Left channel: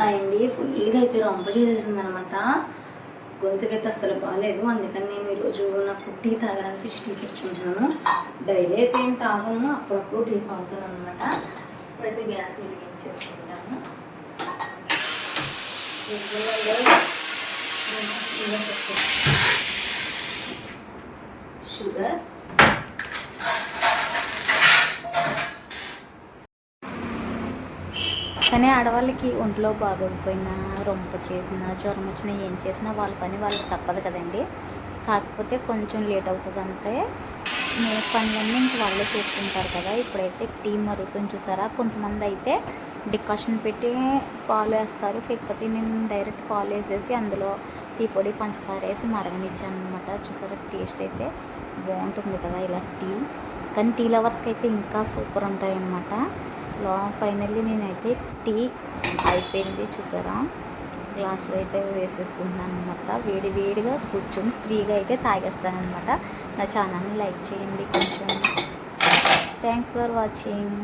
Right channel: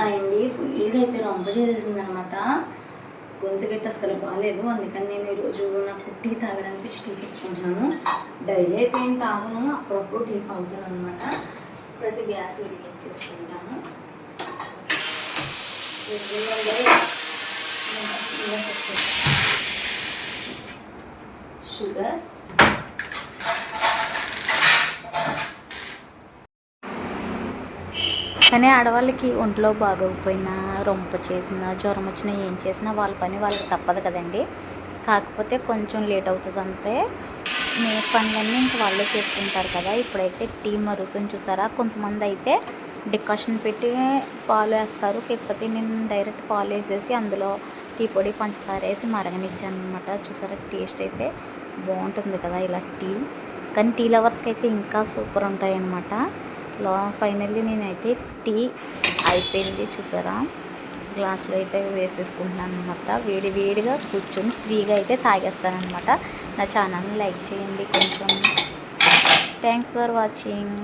అండి ఫుల్గా అయితే రొంప చేసేసింది అనమాట. గొంతుకైతే అస్సలు బాగాలేదు. అందుకని నేను ఈరోజు నాకు టీ తాగడానికి టీ పెట్టుకుంటున్నాను. డైలీ అయితే ఏం తాగను, అప్పుడప్పుడు టీ తాగుతాను అనమాట. ఇప్పుడైతే గ్యాస్ వెలిగించేసుకుంటాను. షుగర్ కానీ ఆడవాళ్ళకి ఒంట్లో బాగోకపోయినా, రొంప చేసినా, జ్వరం వచ్చినా, ఏం చేసినా వాళ్ళ పని వాళ్ళకి తప్పదు కదండి. కాకపోతే కొంచెం లేట్ అవుతుంది అంతే. పనులన్నీ ఇంక వాళ్ళే చేసుకుంటారు కదా. ఇప్పుడైతే టీ మరుగుతుంది చూసారా. కొంతమంది అయితే డికాషన్ పెట్టి పాలు వేస్తారు, లేకపోతే నేను డైరెక్ట్ పాలు వేసేసి అందులో టీ పొడి, పంచదార వేసి మరగనిచ్చాను అనమాట. చూసారా, టేస్ట్ అయితే బాగుంటుంది కదా ఇలా టీ. కానీ టీ లవర్స్కి అయితే ఇంకా సూపర్ ఉంటాయి అన్నమాట. ఫైనల్లీ నేనైతే టీ అయిపోయింది చూసారా. గ్లాస్లో అయితే వేసేసుకుంటున్నాను అనమాట. వేడిగా కూర్చొని ఫ్రీగా అయితే తాగేస్తాను అనమాట. నా ఛానల్ని లైక్ చేయండి కొంచెం. Thanks for watching.